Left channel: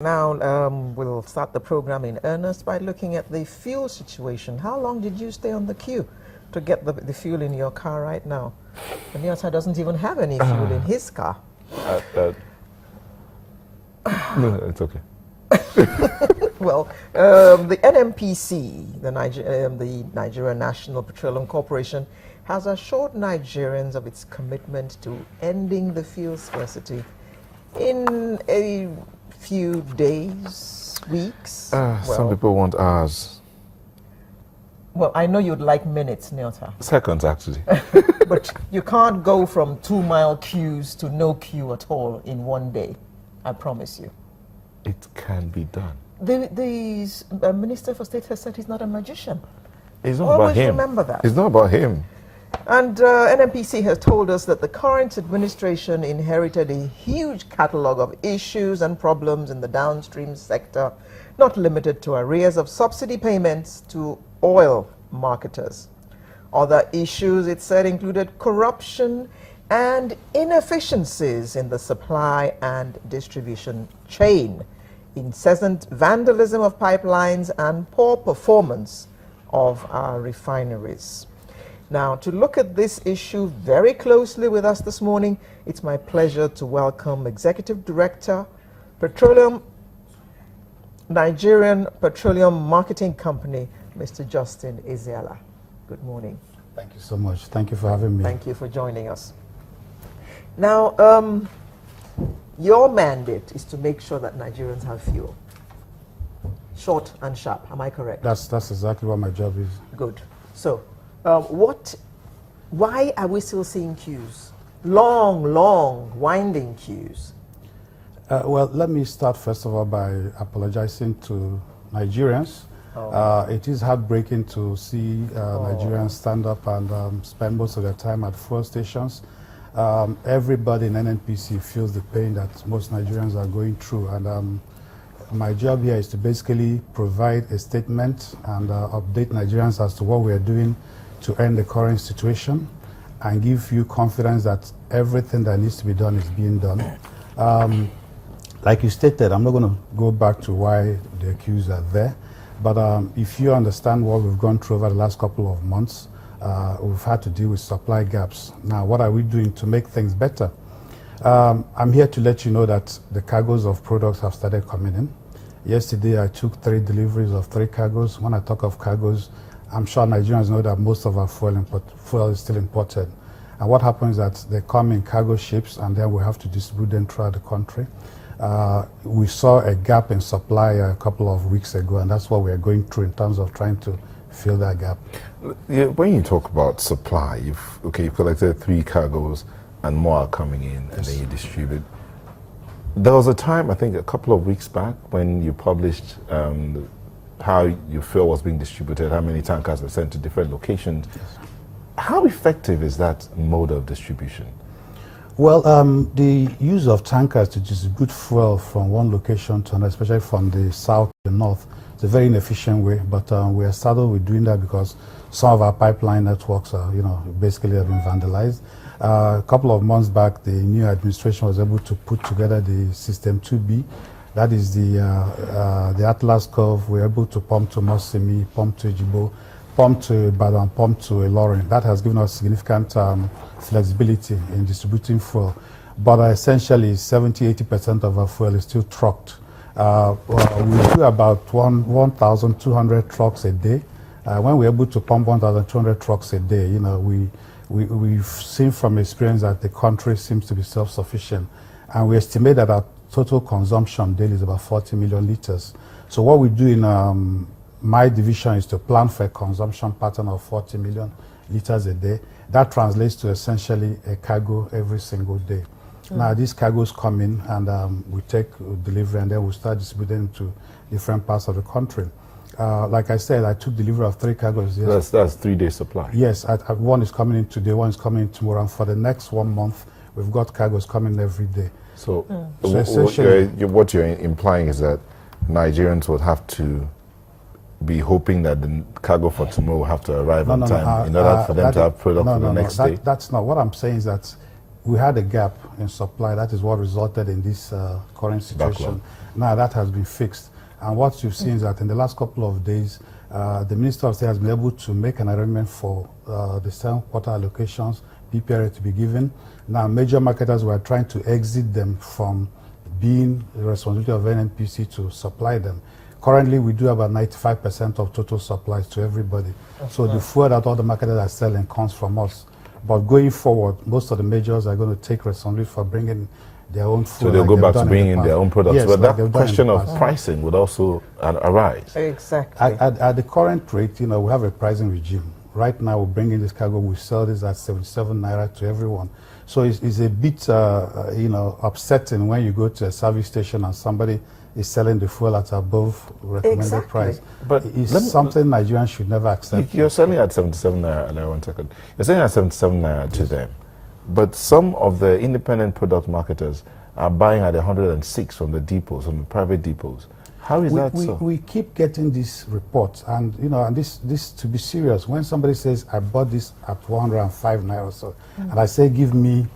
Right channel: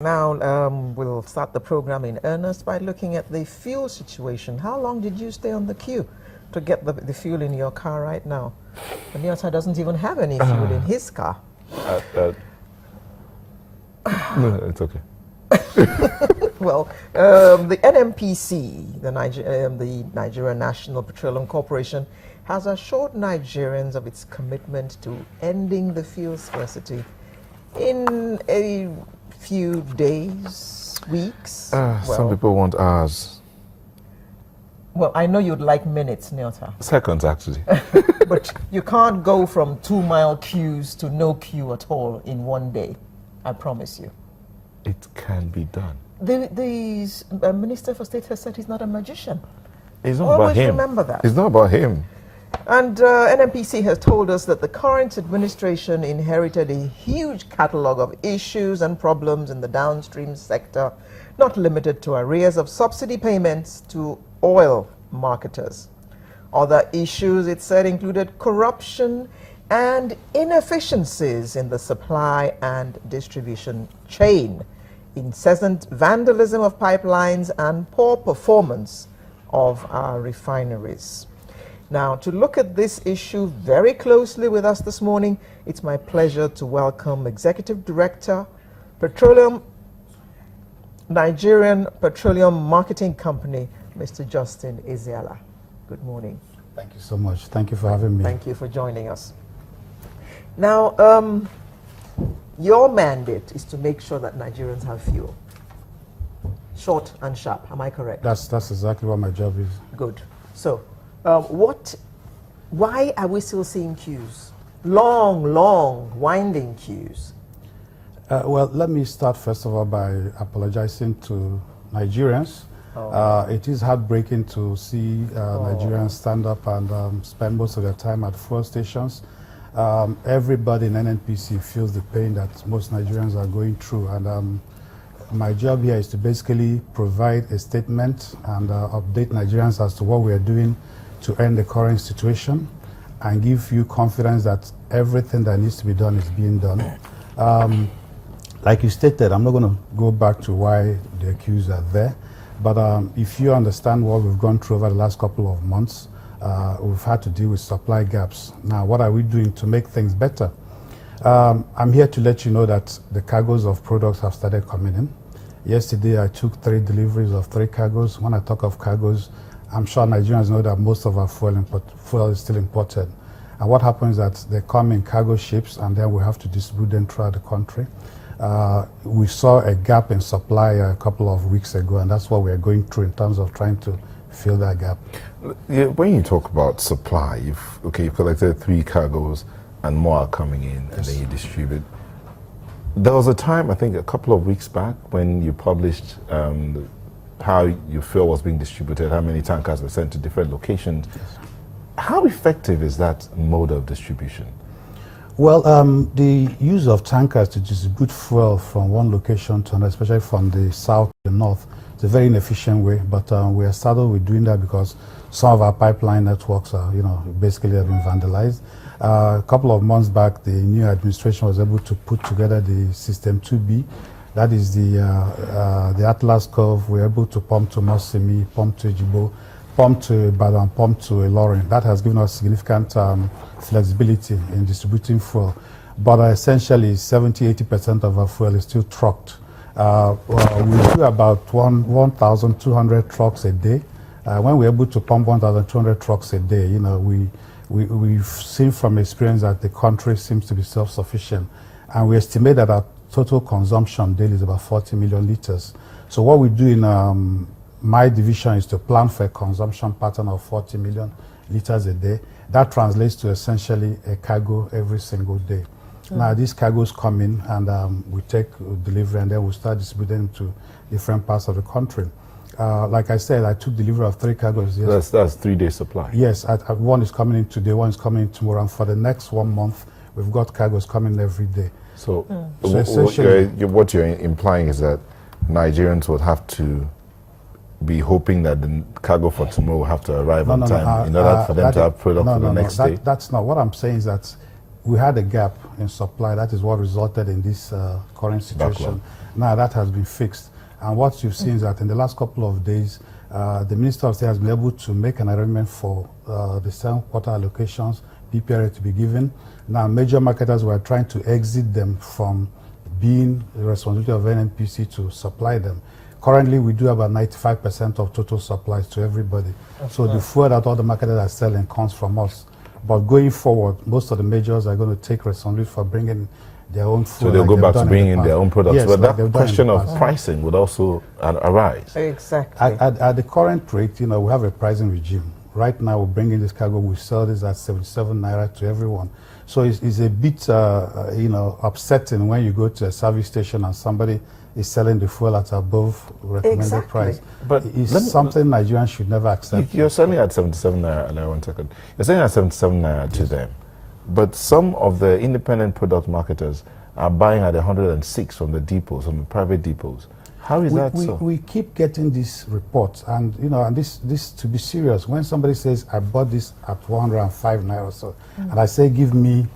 Now, we'll start the program in earnest by looking at the fuel situation. How long did you stay on the queue to get the fuel in your car right now? And Nyota doesn't even have any fuel in his car. No, it's okay. Well, the NNPC, the Nigerian National Petroleum Corporation, has assured Nigerians of its commitment to ending the fuel scarcity in a few days, weeks. Some people want hours. Well, I know you'd like minutes, Nyota. Seconds, actually. But you can't go from 2-mile queues to no queue at all in one day. I promise you. It can be done. The Minister for State has said he's not a magician. It's not Always about him. remember that. It's not about him. And NNPC has told us that the current administration inherited a huge catalogue of issues and problems in the downstream sector, not limited to arrears of subsidy payments to oil marketers. Other issues, it said, included corruption and inefficiencies in the supply and distribution chain, incessant vandalism of pipelines, and poor performance of our refineries. Now, to look at this issue very closely with us this morning, it's my pleasure to welcome Executive Director, Nigerian Petroleum Marketing Company, Mr. Justin Ezeala. Good morning. Thank you so much. Thank you for having me. Thank you for joining us. Now, your mandate is to make sure that Nigerians have fuel. Short and sharp, am I correct? That's exactly what my job is. Good. So, why are we still seeing queues? Long, winding queues. Well, let me start first of all by apologizing to Nigerians. It is heartbreaking to see Nigerians stand up and spend most of their time at fuel stations. Everybody in NNPC feels the pain that most Nigerians are going through, and my job here is to basically provide a statement and update Nigerians as to what we are doing to end the current situation and give you confidence that everything that needs to be done is being done. Like you stated, I'm not going to go back to why the queues are there, but if you understand what we've gone through over the last couple of months, we've had to deal with supply gaps. Now, what are we doing to make things better? I'm here to let you know that the cargoes of products have started coming in. Yesterday, I took 3 deliveries of 3 cargoes. When I talk of cargoes, I'm sure Nigerians know that most of our fuel is still imported. And what happens is that they come in cargo ships and then we have to distribute them throughout the country. We saw a gap in supply a couple of weeks ago, and that's what we are going through in terms of trying to fill that gap. Yeah, when you talk about supply, you collected 3 cargoes and more are coming in, and then you distribute. There was a time, I think a couple of weeks back, when you published how your fuel was being distributed, how many tankers were sent to different locations. Yes. How effective is that mode of distribution? Well, the use of tankers to distribute fuel from one location to another, especially from the south to the north, it's a very inefficient way, but we are started with doing that because some of our pipeline networks are, basically have been vandalized. A couple of months back, the new administration was able to put together the System 2B. That is the Atlas curve. We're able to pump to Nosimi, pump to Ejibo, pump to Ibadan, pump to Ilorin. That has given us significant flexibility in distributing fuel. But essentially, 70-80% of our fuel is still trucked. We do about 1,200 trucks a day. When we're able to pump 1,200 trucks a day, we've seen from experience that the country seems to be self-sufficient. And we estimate that our total consumption daily is about 40 million liters. So what we do in my division is to plan for a consumption pattern of 40 million liters a day. That translates to essentially a cargo every single day. Now, these cargoes come in and we take delivery and then we start distributing to different parts of the country. Like I said, I took delivery of 3 cargoes. Yes. That's 3-day supply. Yes, one is coming in today, one is coming in tomorrow, and for the next 1 month, we've got cargoes coming every day. So what you're implying is that Nigerians would have to be hoping that the cargo for tomorrow will have to arrive on time in order for them to have product for the next day? That's not what I'm saying. Is that we had a gap in supply. That is what resulted in this current situation. Now that has been fixed. And what you've seen is that in the last couple of days, the Minister of State has been able to make an arrangement for the 7 quarter allocations, PPRA to be given. Now, major marketers were trying to exit them from being the responsibility of NNPC to supply them. Currently, we do about 95% of total supplies to everybody. So the fuel that all the marketers are selling comes from us. But going forward, most of the majors are going to take responsibility for bringing their own food. So they'll go back to bringing their own products. Yes, but like that question of pricing would also arise. Exactly. At the current rate, we have a pricing regime. Right now, we're bringing this cargo, we sell this at 77 naira to everyone. So it's a bit, upsetting when you go to a service station and somebody is selling the fuel at above recommended price. But it's something Nigerians should never accept. You're selling at 77 naira, and 1 second. You're selling at 77 naira to them. But some of the independent product marketers are buying at 106 from the depots, from the private depots. How is that so? We keep getting these reports, and and this to be serious. When somebody says I bought this at 105 naira or so, and I say give me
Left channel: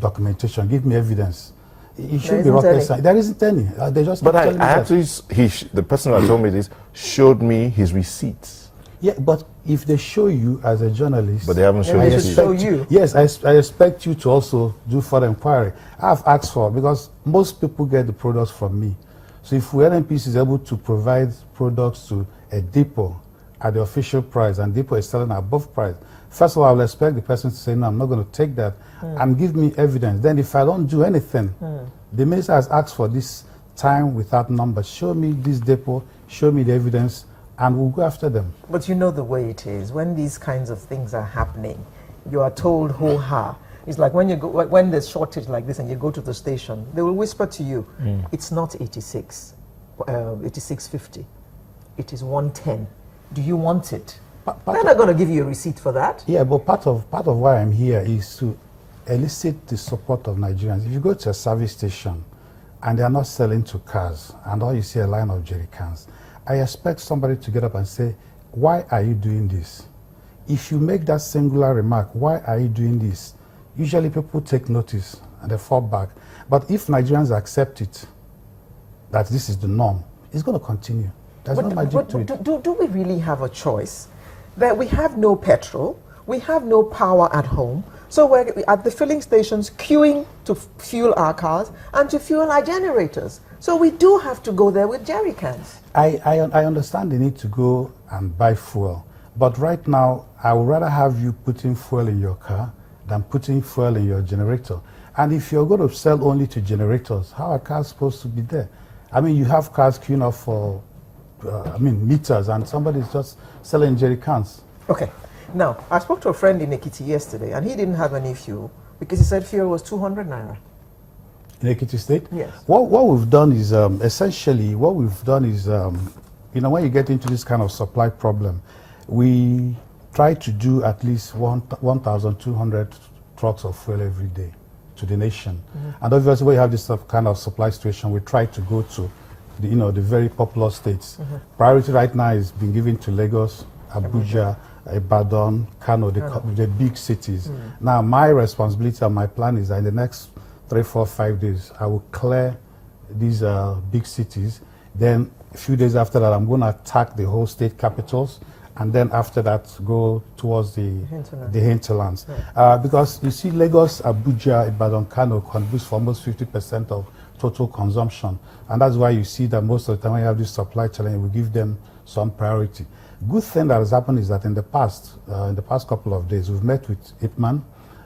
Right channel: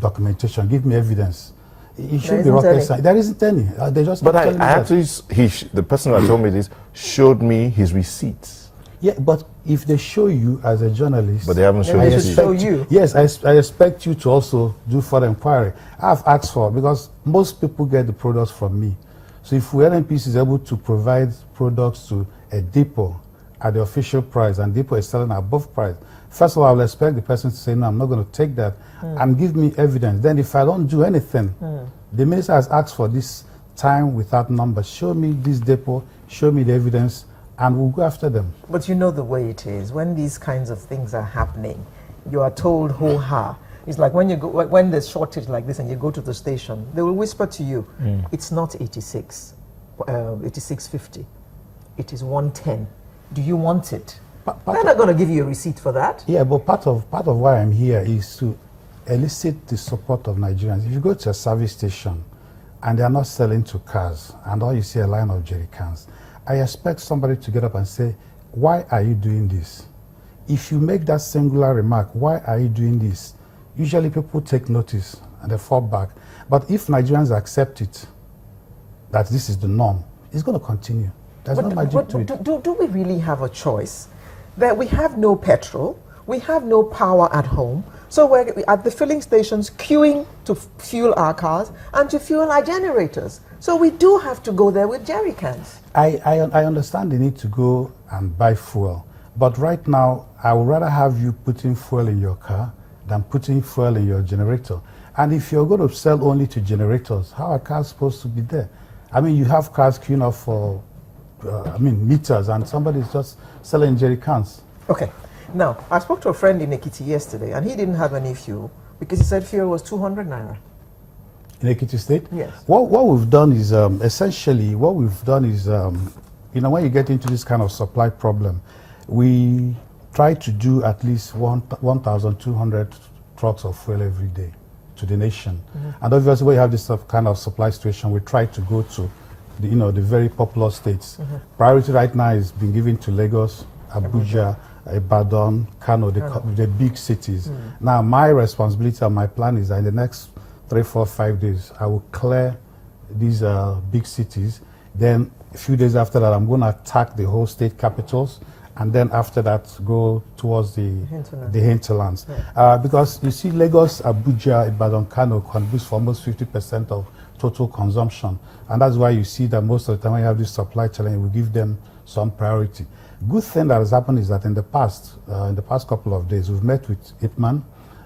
documentation, give me evidence, it should be rocket science. There isn't any. They just. But I actually, the person who told me this showed me his receipts. Yeah, but if they show you as a journalist, but they haven't shown you. Yes, I expect you to also do further inquiry. I've asked for, because most people get the products from me. So if NNPC is able to provide products to a depot at the official price and depot is selling above price, first of all, I'll expect the person to say, no, I'm not going to take that, and give me evidence. Then if I don't do anything, the minister has asked for this time without numbers. Show me this depot, show me the evidence, and we'll go after them. But you know the way it is. When these kinds of things are happening, you are told ho-ha. It's like when there's shortage like this and you go to the station, they will whisper to you, it's not 86, 86.50. It is 110. Do you want it? They're not going to give you a receipt for that. Yeah, but part of why I'm here is to elicit the support of Nigerians. If you go to a service station and they are not selling to cars and all you see a line of jerry cans, I expect somebody to get up and say, why are you doing this? If you make that singular remark, why are you doing this? Usually people take notice and they fall back. But if Nigerians accept it, that this is the norm, it's going to continue. There's no magic to it. Do we really have a choice? That we have no petrol, we have no power at home, so we're at the filling stations queuing to fuel our cars and to fuel our generators. So we do have to go there with jerry cans. I understand the need to go and buy fuel, but right now I would rather have you putting fuel in your car than putting fuel in your generator. And if you're going to sell only to generators, how are cars supposed to be there? I mean, you have cars queuing up for meters, and somebody's just selling jerry cans. Okay. Now, I spoke to a friend in Ekiti yesterday, and he didn't have any fuel because he said fuel was 200 naira. In Ekiti State? Yes. What we've done is, essentially, when you get into this kind of supply problem, we try to do at least 1,200 trucks of fuel every day to the nation. And obviously, when you have this kind of supply situation, we try to go to the very popular states. Priority right now is being given to Lagos, Abuja, Ibadan, Kano, the big cities. Now, my responsibility and my plan is that in the next 3, 4, 5 days, I will clear these big cities. Then a few days after that, I'm going to attack the whole state capitals. And then after that, go towards the hinterlands. Because you see, Lagos, Abuja, Ibadan, Kano contributes for almost 50% of total consumption. And that's why you see that most of the time when you have this supply challenge, we give them some priority. Good thing that has happened is that in the past couple of days, we've met with IPMAN.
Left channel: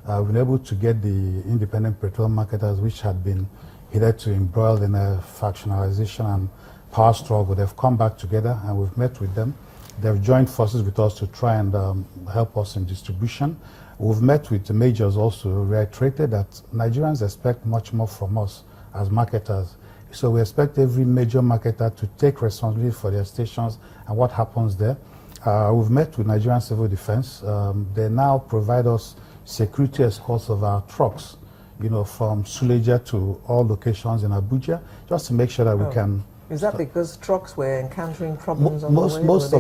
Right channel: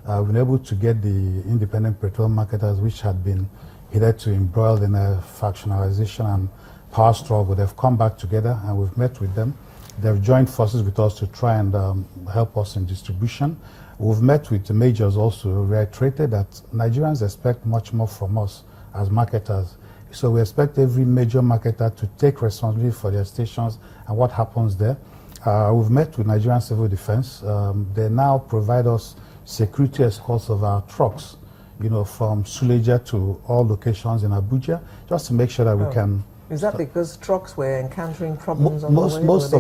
We've been able to get the independent petrol marketers, which had been hitherto embroiled in a factionalization and power struggle. They've come back together and we've met with them. They've joined forces with us to try and help us in distribution. We've met with the majors also, reiterated that Nigerians expect much more from us as marketers. So we expect every major marketer to take responsibility for their stations and what happens there. We've met with Nigerian Civil Defense. They now provide us security escorts of our trucks, from Suleja to all locations in Abuja, just to make sure that we can. Is that because trucks were encountering problems on most the way? Most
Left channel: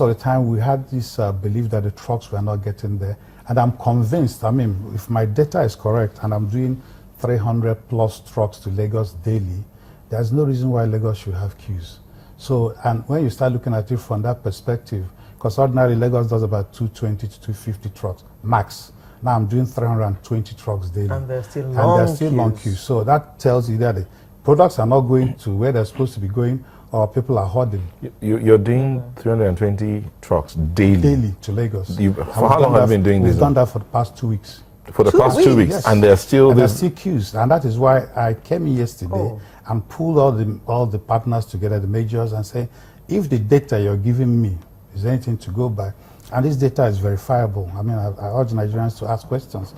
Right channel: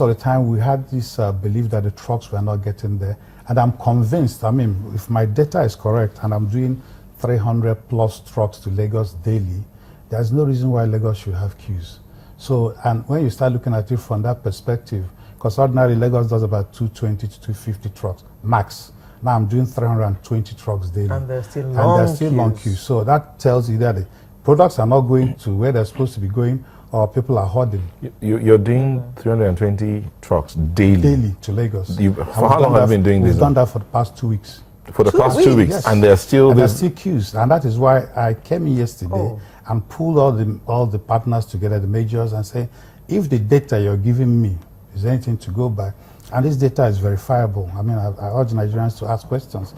of the time, we had this belief that the trucks were not getting there, and I'm convinced. I mean, if my data is correct, and I'm doing 300 plus trucks to Lagos daily, there's no reason why Lagos should have queues. So, and when you start looking at it from that perspective, because ordinarily Lagos does about 220 to 250 trucks max. Now I'm doing 320 trucks daily. And there's still long queues. So that tells you that the products are not going to where they're supposed to be going, or people are hoarding. You're doing 320 trucks daily? Daily to Lagos. For how long have you been doing this? We've done that for the past 2 weeks. For the past 2 weeks, yes. and there's still queues, and that is why I came in yesterday and pulled all the partners together, the majors, and say, if the data you're giving me is anything to go by, and this data is verifiable. I mean, I urge Nigerians to ask questions.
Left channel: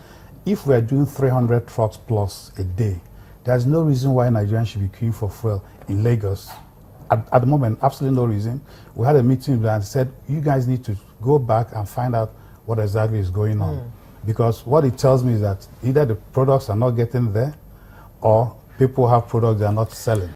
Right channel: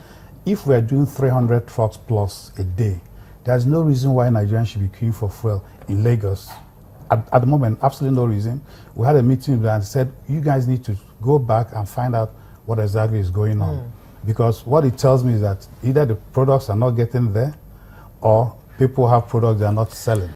If we're doing 300 trucks plus a day, there's no reason why Nigerians should be queuing for fuel in Lagos. At the moment, absolutely no reason. We had a meeting and said, you guys need to go back and find out what exactly is going on. Because what it tells me is that either the products are not getting there, or people have products they are not selling.